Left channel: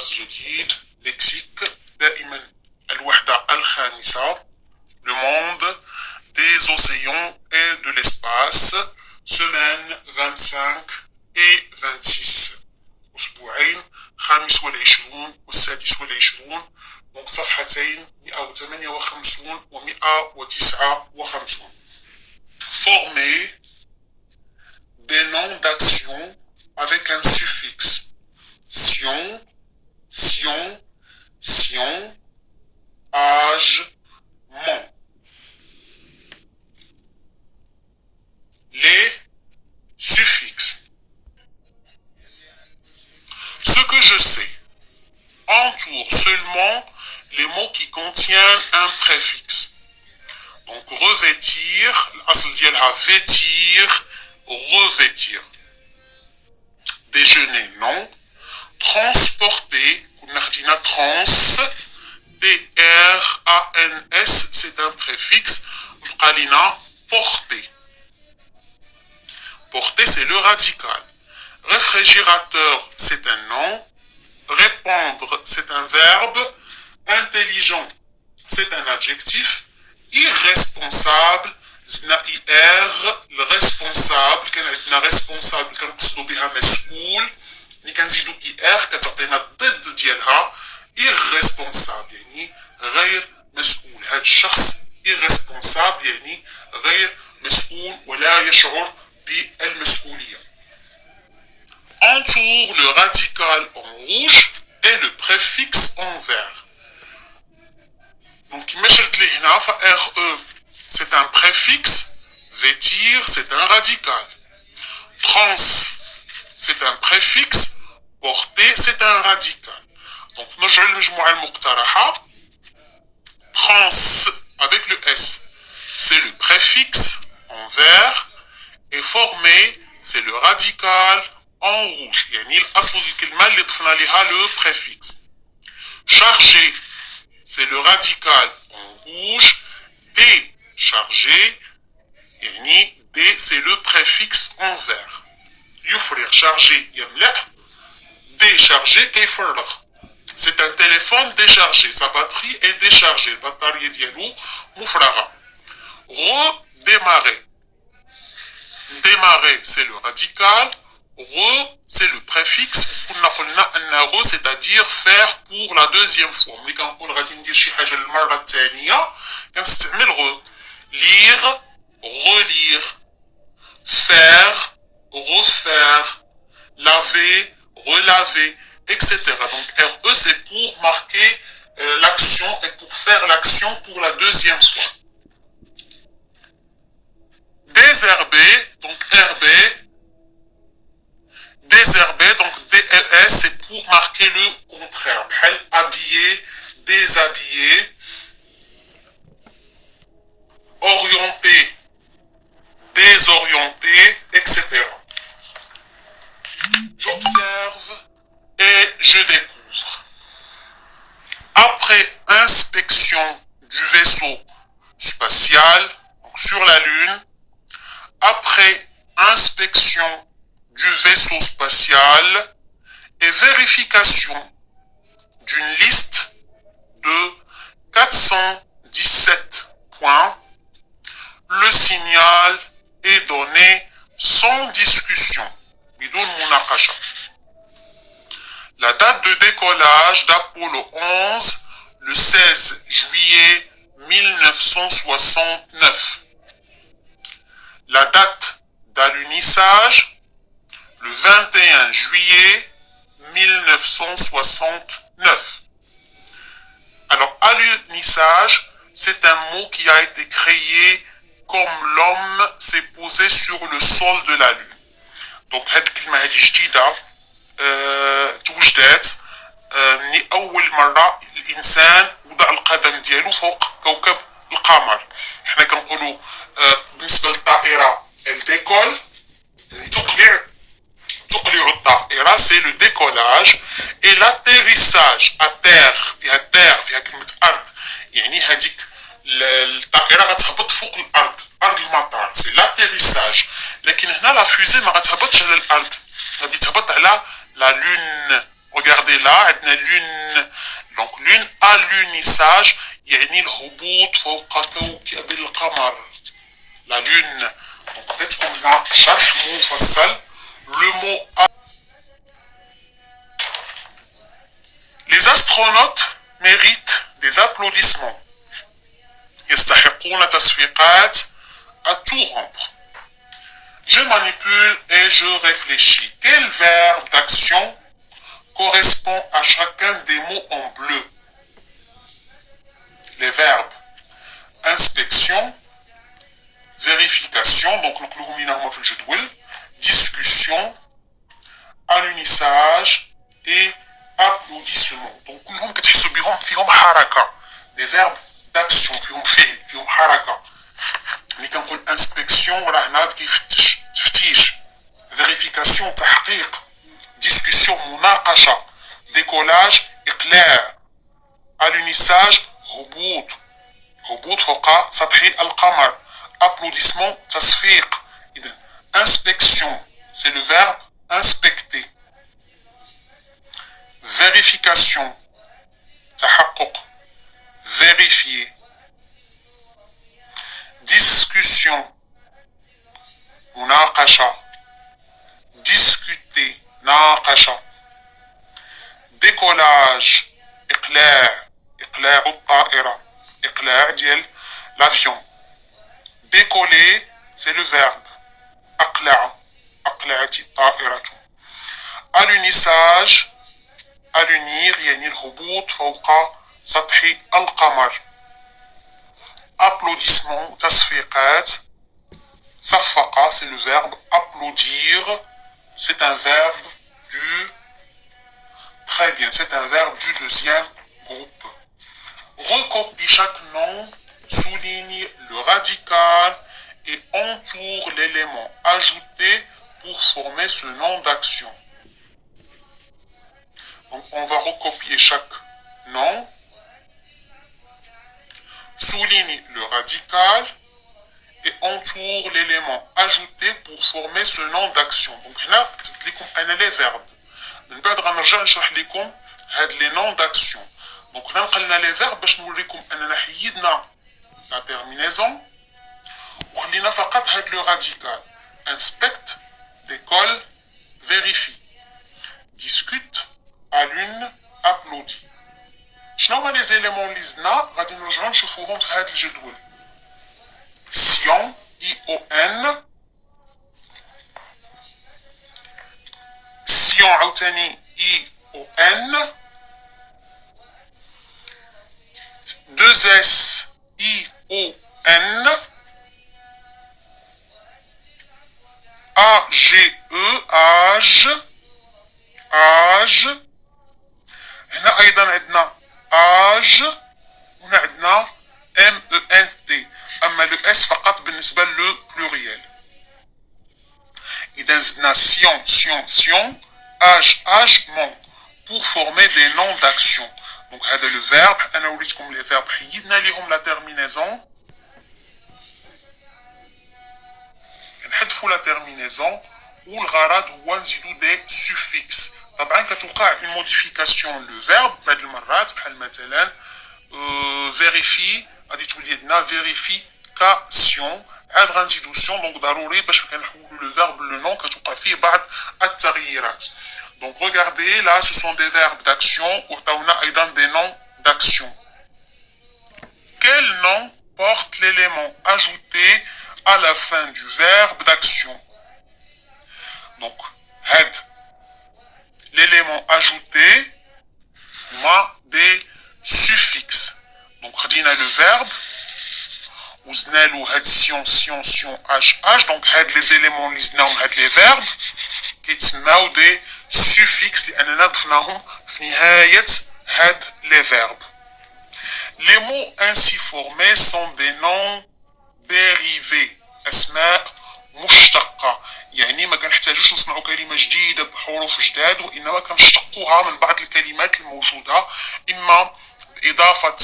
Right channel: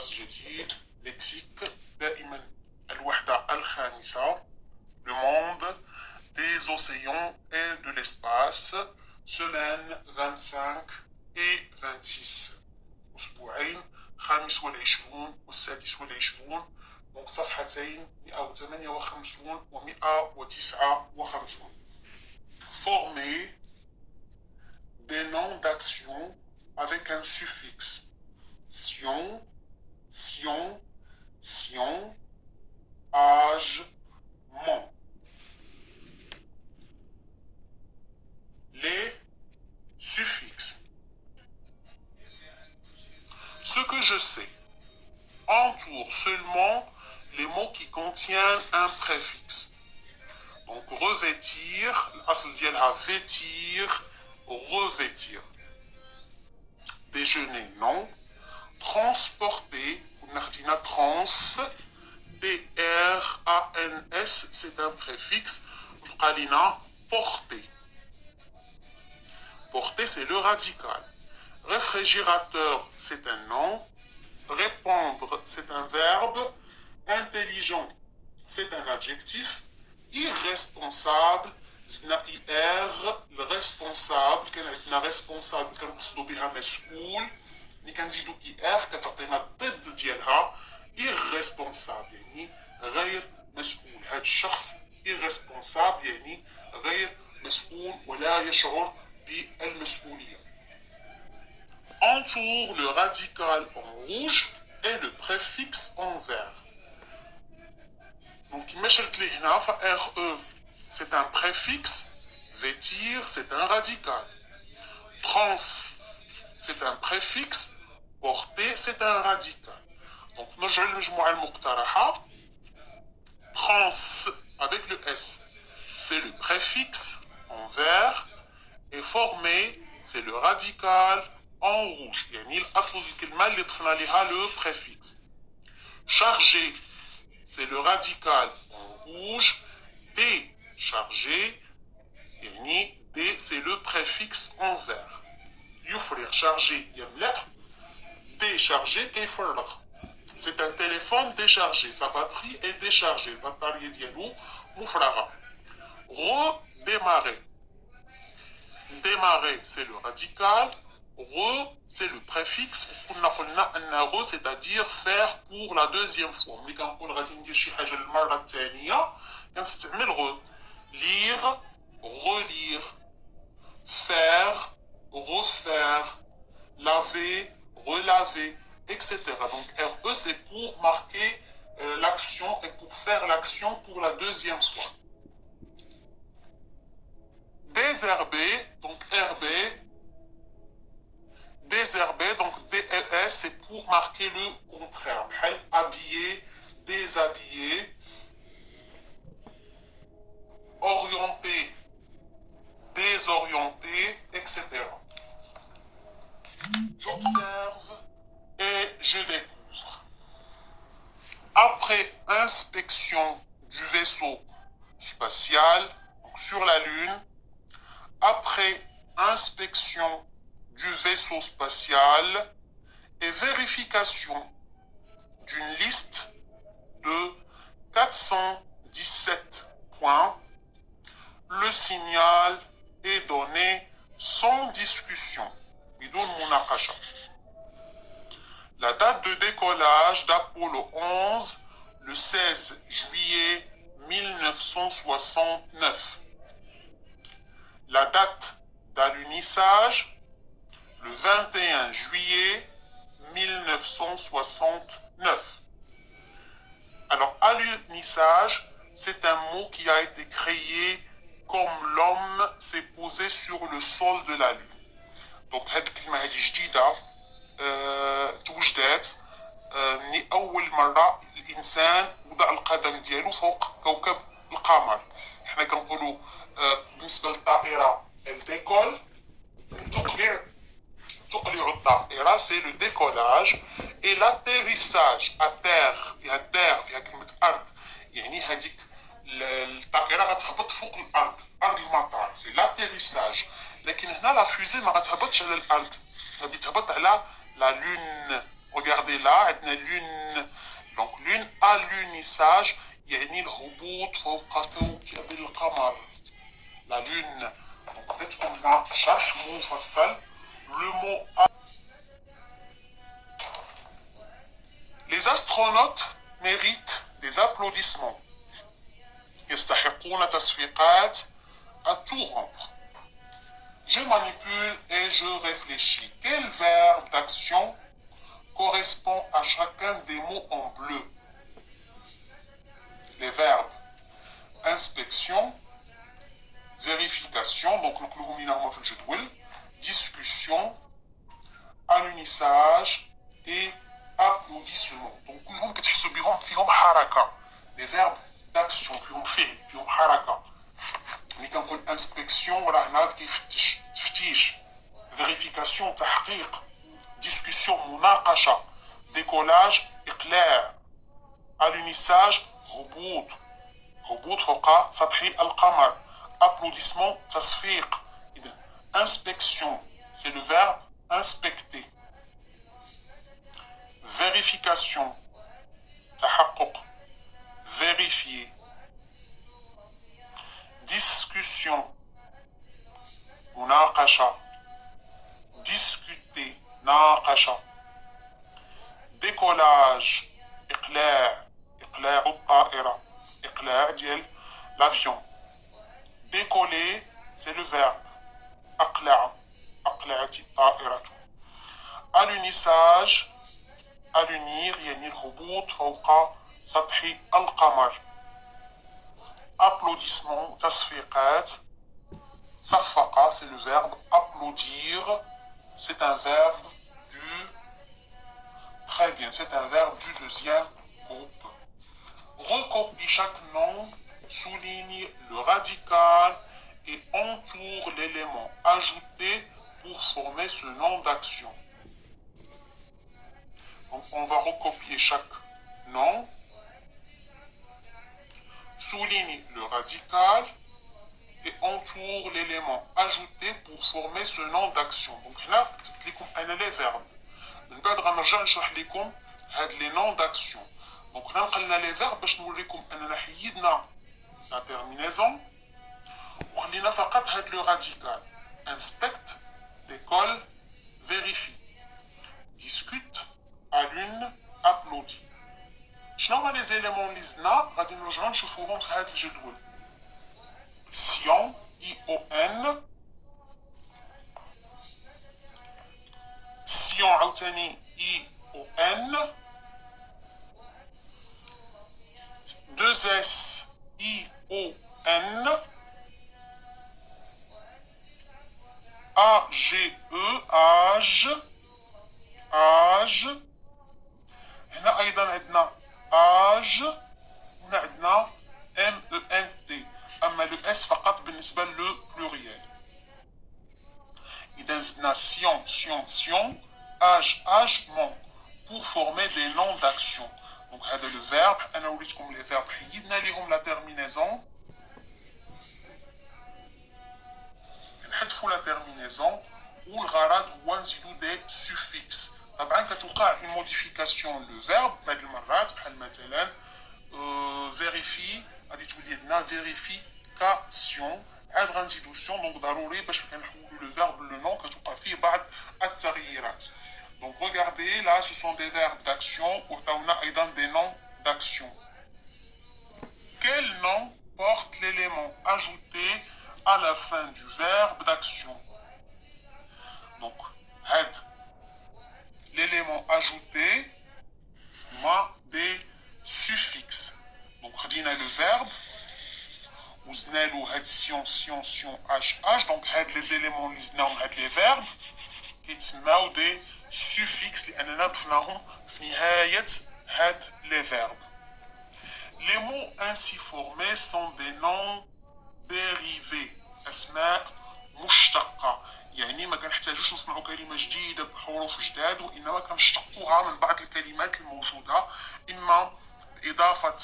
درس جديد لكسيك دائما الوحدة الخامسة Le monde des océans et de l'espace semaine 25 et 26 أسبوعين خامس والعشرون والسادس والعشرون donc صفحتين 158 و 159 Former des noms d'action avec un suffixe sion, sion, sion, âge, mon. Les suffixes. Ce que je sais entoure seulement les mots qui contiennent un préfixe. Donc revêtir, l'asl ديالها vêtir, revêtir. Déjeuner, non. Transporter, trans, T-R-A-N-S, c'est un préfixe. Qalina, porter. Porter, c'est le radical. Réfrigérateur, c'est un nom. Répondre, c'est un verbe. Intelligent, c'est un adjectif. Irresponsable, زنا le responsable, كان responsable كنقصدوا بها مسؤول. ملي كنزيدو كتعطينا الضد ديالها irresponsable يعني غير مسؤول. هذا الشخص irresponsable يعني غير مسؤول ولا يشعر بالمسؤولية. Entoure le radical en rouge et le préfixe en vert. Donc RE c'est un préfixe, vêtir c'est un radical. Trans c'est un préfixe, porter c'est un radical. Donc نرجع للمجموعة المقترحة. Trans avec le S c'est le préfixe en vert et former c'est le radical en rouge. يعني الأصل الكلمة اللي ضفنا لها le préfixe. Chargé c'est le radical en rouge. Déchargé يعني D c'est le préfixe en vert. يفرغ chargé يملأ. Déchargé كيفرغ. C'est un téléphone déchargé. Sa batterie est déchargée. البطارية ديالو مفرغة. Redémarrer. Démarrer c'est le radical. C'est le préfixe. C'est-à-dire faire pour la deuxième fois. ملي كنقول غادي ندير شي حاجة للمرة الثانية كنستعمل lire, relire, faire, refaire, laver, relaver, etc. Donc RE c'est pour marquer l'action et pour faire l'action pour la deuxième fois. Désherber, donc RB. Désherber, donc DES, c'est pour marquer le contraire. Habiller, déshabiller. Orienter, désorienter, etc. J'observe et je découvre. Après inspection du vaisseau spatial, donc sur la Lune, après inspection du vaisseau spatial et vérification d'une liste de 417 points, le signal est donné sans discussion. Bidoun Munakasha. La date de décollage d'Apollo 11, le 16 juillet 1969. La date d'alunissage, le 21 juillet 1969. Alors, alunissage, c'est un mot qui a été créé comme l'homme s'est posé sur le sol de la Lune. Donc, هاد الكلمة هادي جديدة توجدت من أول مرة الإنسان وضع القدم ديالو فوق كوكب القمر. احنا كنقولوا بالنسبة للطائرة الديكول تقلع الطائرة c'est le décollage et l'atterrissage à terre فيها كلمة أرض يعني هاديك الطائرة غتهبط فوق الأرض أرض المطار سي لاتيريساج. لكن هنا لا فوزي ما غتهبطش على الأرض غادي تهبط على لا لون Regardez là, عندنا lune. Donc lune à l'unissage يعني الهبوط فوق كوكب القمر. La lune. Donc peut-être qu'on a شرح مفصل. Le mot Les astronautes méritent des applaudissements. يستحقون تصفيقات à tout rompre. Je manipule et je réfléchis. Quel verbe d'action correspond à chacun des mots en bleu? Les verbes inspection, vérification, donc discussion, alunissage et applaudissement. Donc des verbes d'action, فيهم حركة. ملي كنقول inspection راه هنا كيفتش تفتيش، vérification تحقيق، discussion مناقشة، décollage إقلاع، alunissage هبوط فوق سطح القمر، applaudissement تصفيق. إذا inspection c'est le verbe inspecter. Vérification تحقق vérifier. Discussion مناقشة discuter ناقشة. Décollage إقلاع الطائرة إقلاع ديال l'avion. Décoller c'est le verbe أقلعت الطائرة. Alunissage alunir يعني الهبوط فوق سطح القمر. Applaudissement تصفيقات صفق c'est le verbe applaudir, c'est un verbe du très bien, c'est un verbe du deuxième groupe. Recopie chaque nom, souligne le radical et entoure l'élément ajouté pour former ce nom d'action. Donc on va recopier chaque nom, souligne le radical et entoure l'élément ajouté pour former ce nom d'action. Donc là, كتبت لكم انا les verbes. من بعد غنرجع نشرح لكم هاد les noms d'action. Donc هنا نقلنا les verbes باش نوريكم اننا حيدنا la terminaison وخلينا فقط هاد le radical. Inspecte, décolle, vérifie, discute, allume, applaudit. شنو هما les éléments اللي زدنا غادي نرجعو نشوفوهم في هاد الجدول. Sion, I-O-N. Sion عاوتاني I-O-N. 2S I-O-N. A-G-E âge. هنا أيضا عندنا âge وهنا عندنا M-E-N-T. أما le S فقط بالنسبة لو pluriel. إذا زدنا sion, âgement pour former des noms d'action. Donc هذا le verbe. أنا وريتكم les verbes حيدنا ليهم la terminaison. نحذفوا la terminaison والغرض هو نزيدو des suffixes. طبعا كتوقع une modification le verbe بعض المرات بحال مثلا vérifie غادي تولي عندنا vérification عاد غنزيدو سيون. دونك ضروري باش كنحولو لو فيرب لو نون كتوقع فيه بعض التغييرات. دونك regardez là ce sont des verbes d'action وعطاونا ايضا des noms d'action. Quel nom porte l'élément ajouté à la fin du verbe d'action? Donc had l'élément ajouté مع des suffixes. Donc خدينا le verbe وزدنا له هاد سيون اش. دونك هاد لي زيليمون اللي زدناهم هاد لي فيرب كيتسماو دي سوفيكس لاننا ضفناهم في نهايه هاد لي فيرب. Les mots ainsi formés sont des noms dérivés, اسماء مشتقه. يعني ما كنحتاجوش نصنعوا كلمه جديده بحروف جداد وانما كنشتقوها من بعض الكلمات الموجوده اما باضافه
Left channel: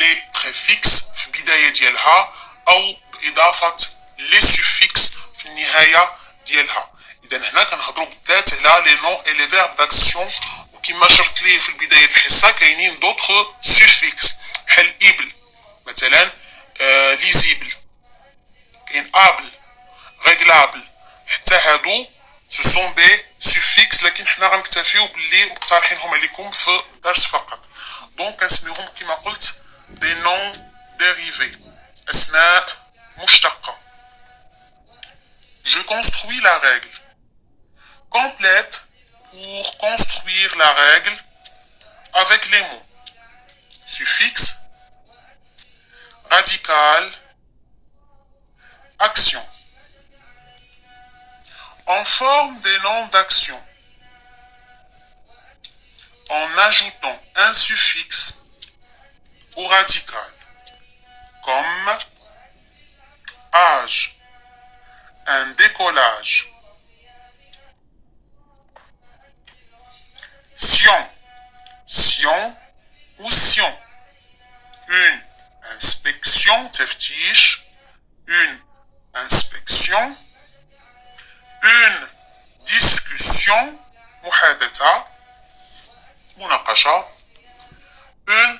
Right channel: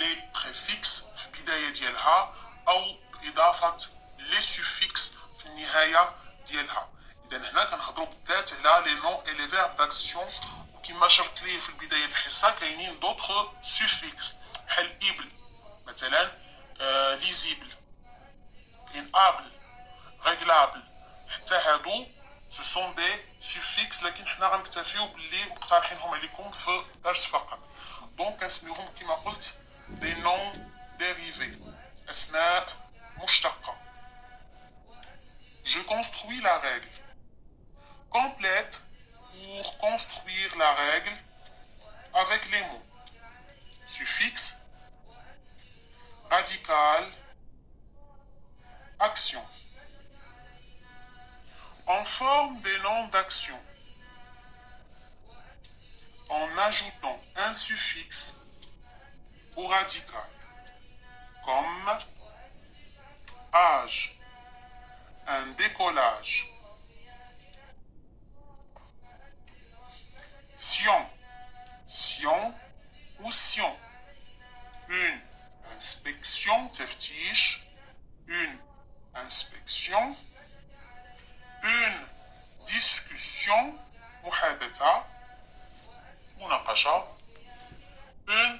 les préfixes في البداية ديالها أو بإضافة les suffixes في النهاية ديالها. إذا هنا كنهضرو بالذات على لي نون إي لي فيرب داكسيون، وكما شرت ليه في البداية الحصة كاينين دوطخ سوفيكس بحال إبل مثلا، ليزيبل، كاين ابل، ريغلابل، حتى هادو سو سون دي سوفيكس، لكن حنا غنكتفيو باللي مقترحينهم عليكم في الدرس فقط. دونك كنسميوهم كما قلت دي نون ديريفي، اسماء مشتقة. Je construis la règle. Complète pour construire la règle avec les mots suffixe, radical, action. On forme des noms d'action en ajoutant un suffixe au radical, comme âge, un décollage, sion, sion ou sion, une inspection, teftish, une inspection, une discussion, muhadatha, munaqasha, une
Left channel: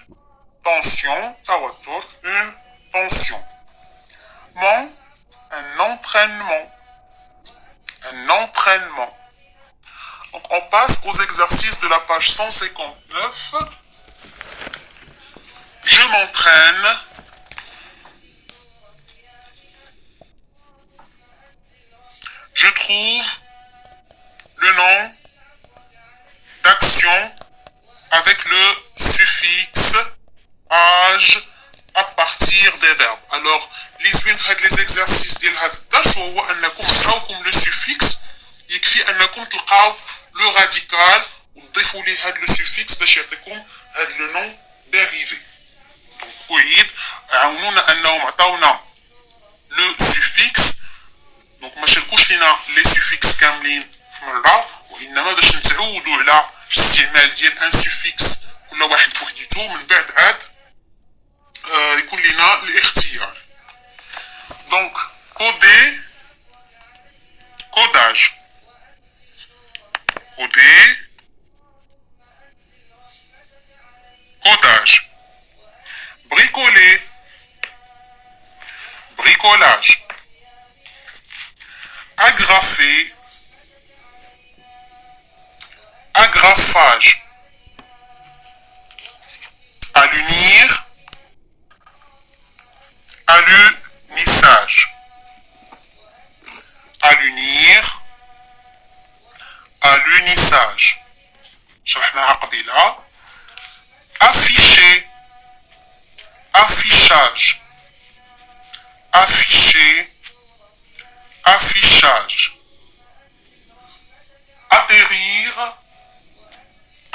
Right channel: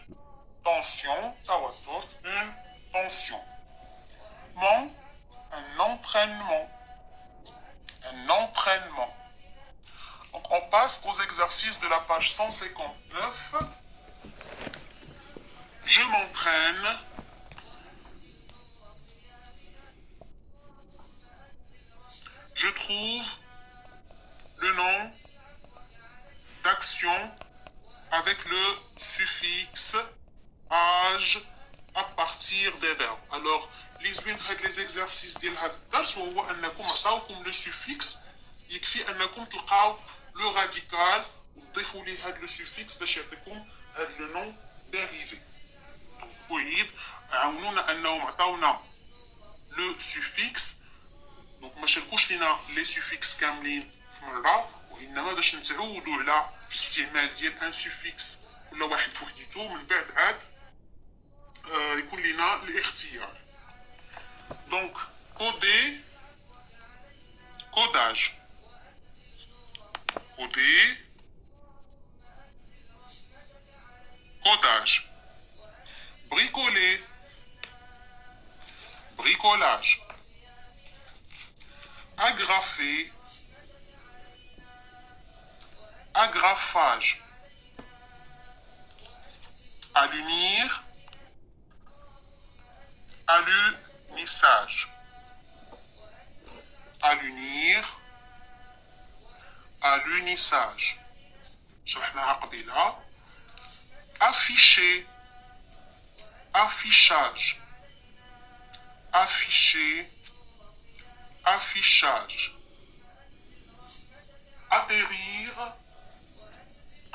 tension, tawattur, une tension. Un entraînement. Un entraînement. Donc on passe aux exercices de la page 159. Je m'entraîne. Je trouve le nom d'action avec le suffixe âge à partir des verbes. Alors, les زوين في هاد les exercices ديال هاد الدرس وهو انكم تعاوكم لو سوفيكس، يكفي انكم تلقاو لو راديكال وتضيفوا ليه هاد لو سوفيكس باش يعطيكم هاد لو نون ديريفي. أعيد، عاونونا انهم عطاونا لو سوفيكس، دونك ما شاركوش لينا لي سوفيكس كاملين في مره، وانما باش نتعودوا على الاستعمال ديال ان سوفيكس كل واحد بوحديتو، من بعد عاد يكون لنا الاختيار. دونك كودي، كوداج، كودي، كوداج، bricoler, bricolage, agrafer, agrafage, allunir, allunissage, allunir, allunissage. شرحناها قبيلة. Afficher, affichage, afficher, affichage. Atterrir,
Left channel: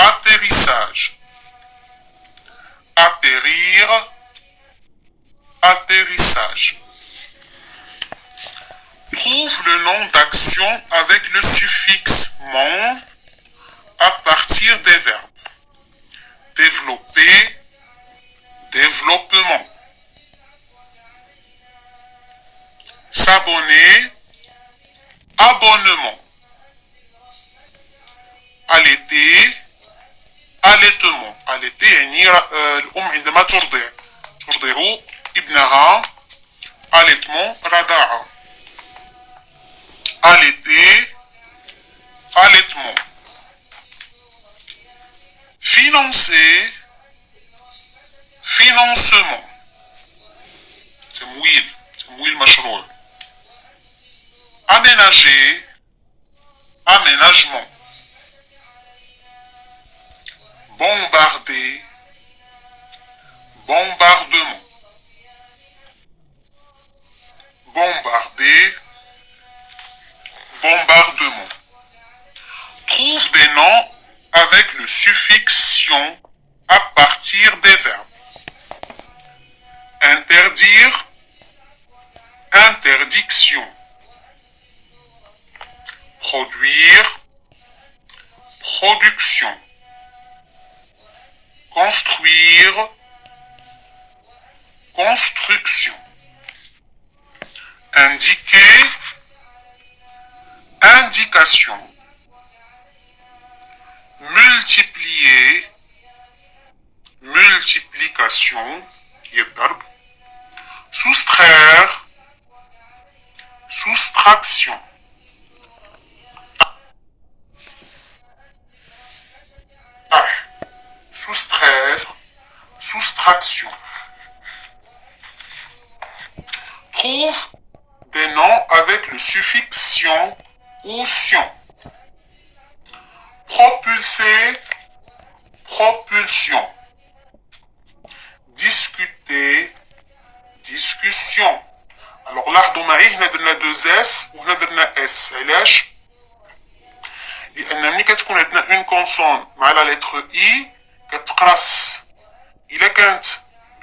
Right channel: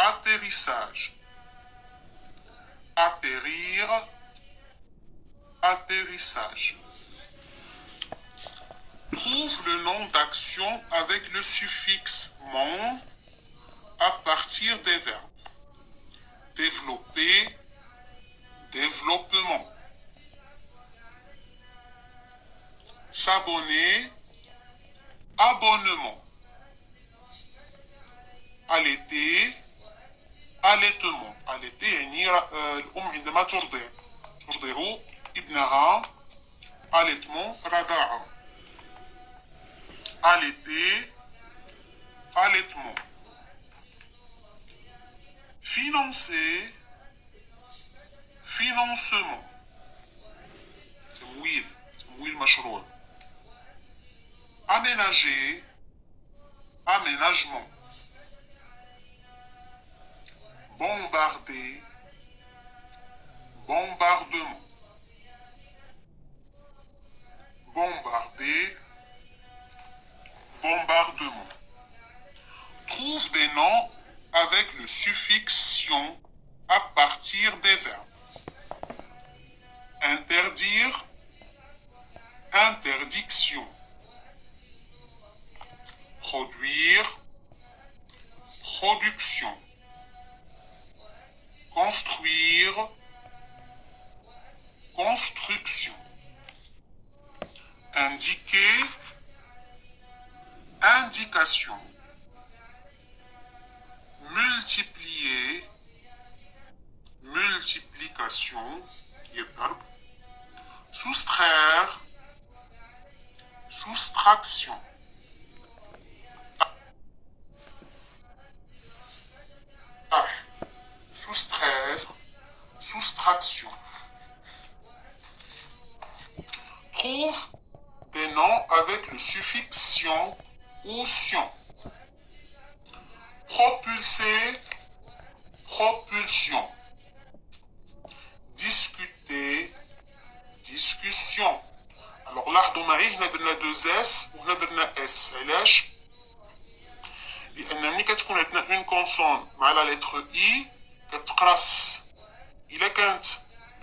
atterrissage, atterrir, atterrissage. Trouve le nom d'action avec le suffixe mon à partir des verbes. Développer, développement. S'abonner, abonnement. Allaiter, allaitement. Allaiter يعني الأم عندما ترضع ابنها. Allaitement رضاعة. Allaiter, allaitement. Financer, financement. تمويل مشروع. Aménager, aménagement. Bombarder, bombardement. Bombarder, bombardement. Trouve des noms avec le suffixe sion à partir des verbes. Interdire, interdiction. Produire, production. Construire, construction. Indiquer, indication, multiplier, multiplication, soustraire, soustraction. Soustraire, soustraction. Trouve des noms avec le suffixe sion ou sion. Propulser, propulsion. Discuter, discussion. Alors لاحظوا معي هنا درنا 2 اس وهنا درنا اس. علاش؟ لان ملي كتكون عندنا اون كونسون مع لا لتر اي كتقرا الا كانت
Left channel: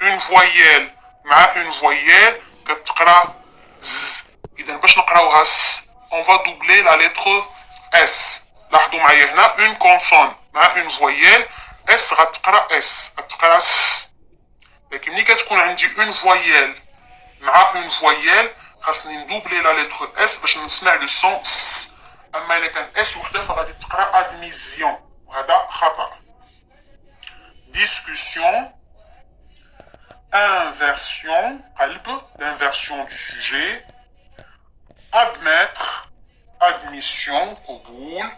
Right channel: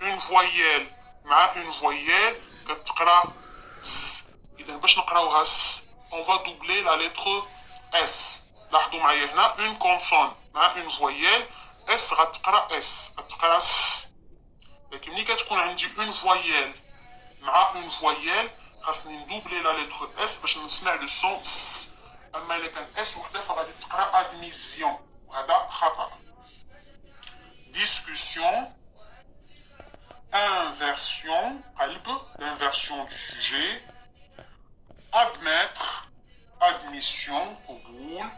اون فويال مع اون فويال كتقرا ز. اذا باش نقراوها س اون فا دوبلي لا لتر اس. لاحظوا معايا هنا اون كونسون مع اون فويال اس غتقرا اس غتقرا س. لكن ملي كتكون عندي اون فويال مع اون فويال خاصني ندوبلي لا لتر اس باش نسمع لو سون س. اما الا كان اس وحده فغادي تقرا ادميسيون وهذا خطا. discussion, inversion, l'inversion du sujet, admettre, admission, قبول.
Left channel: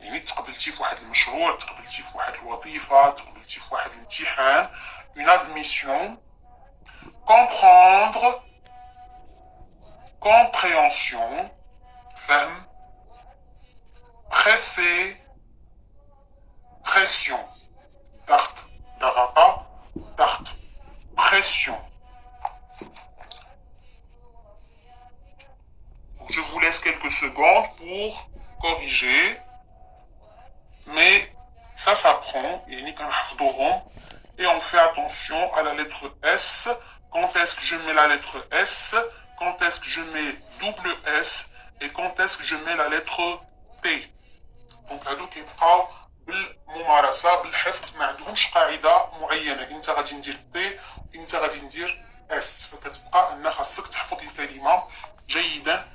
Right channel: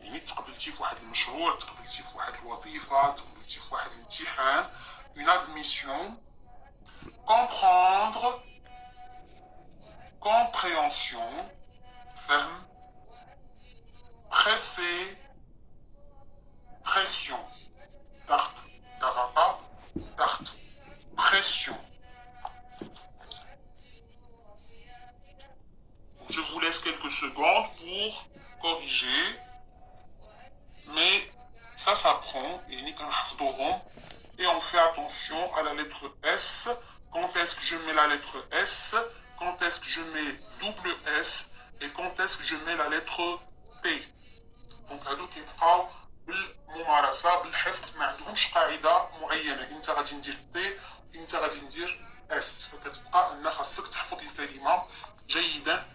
يعني تقبلتي في واحد المشروع، تقبلتي في واحد الوظيفة، تقبلتي في واحد الامتحان. une admission, comprendre, compréhension, فهم. presser, pression. ضغط ضغط ضغط pression. Je vous laisse quelques secondes pour corriger, mais ça s'apprend et on fait attention à la lettre S. Quand est-ce que je mets la lettre S, quand est-ce que je mets double S et quand est-ce que je mets la lettre T. Donc هادو كيبقاو بالممارسه بالحفظ، ما عندهمش قاعده معينه. انت غادي ندير بي انت غادي ندير اس، فكتبقى ان خاصك تحفظ الكلمه جيدا.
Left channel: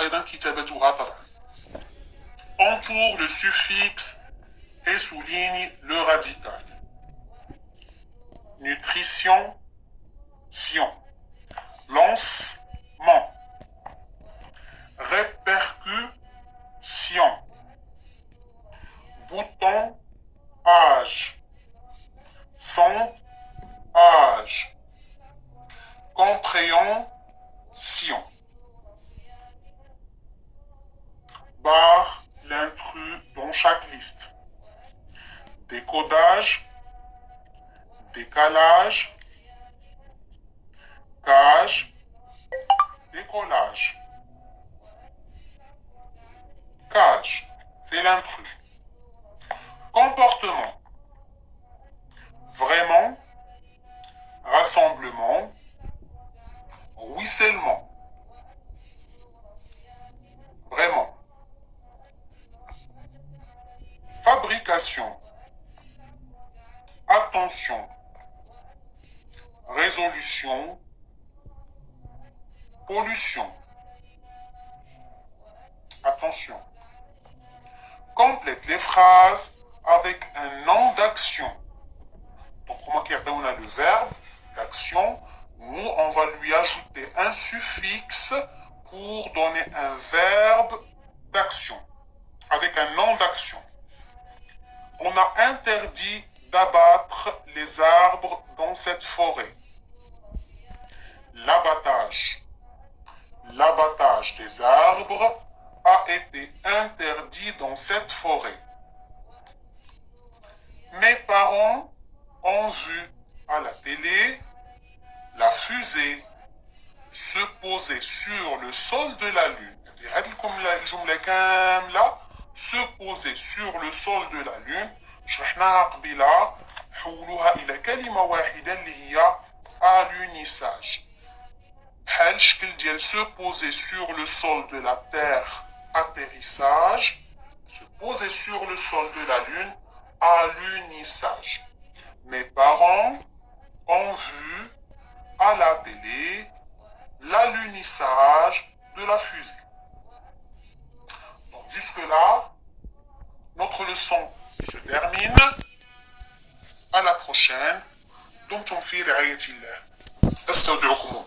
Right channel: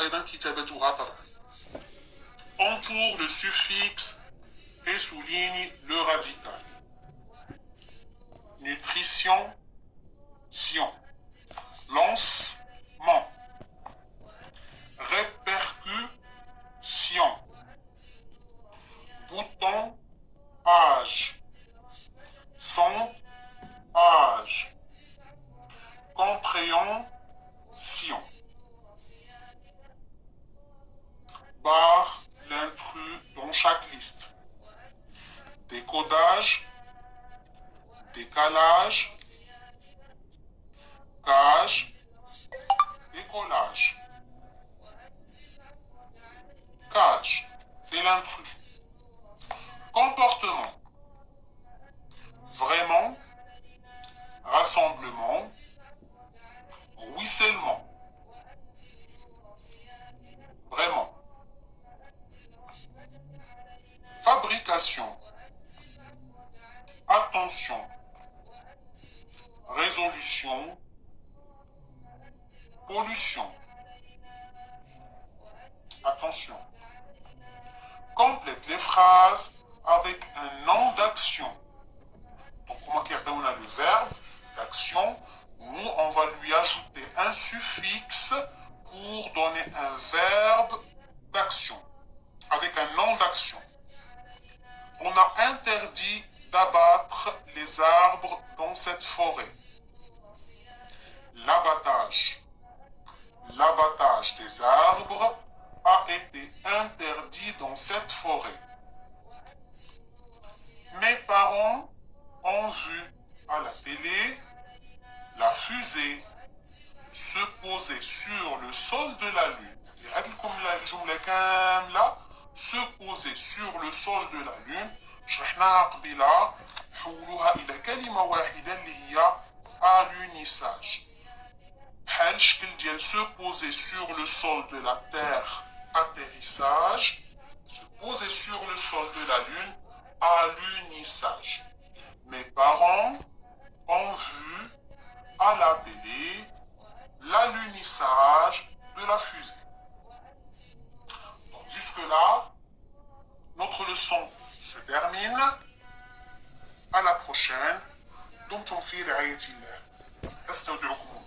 ايضا كتابتها طبعا. entoure le suffixe et souligne le radical. nutrition, sion. lancement, répercussion. bouton, âge. Son, âge. Compréhension. Barre l'intrus dans chaque liste. Décodage, décalage, cage, décollage. Cage, c'est l'intrus. Comportement. Vraiment, rassemblement, ruissellement. Vraiment. Fabrication. Attention. Résolution. Pollution. Attention. Complète les phrases avec un nom d'action. Donc, comment on a le verbe d'action, nous, on va lui ajouter un suffixe pour donner un verbe d'action, avec un nom d'action. On a interdit d'abattre les arbres dans cette forêt. L'abattage des arbres a été interdit dans cette forêt. Mes parents ont vu à la télé la fusée se poser sur le sol de la Lune. Se poser sur le sol de la Lune. شرحناها قبيلة حولوها إلى كلمة واحدة اللي هي alunissage. بحال الشكل ديال se poser sur le sol de la Terre, atterrissage. Se poser sur le sol de la Lune, alunissage. Mes parents ont vu à la télé l'alunissage de la fusée. Jusque-là, notre leçon se termine. À la prochaine. دمتم في رعاية الله. استودعكم الله.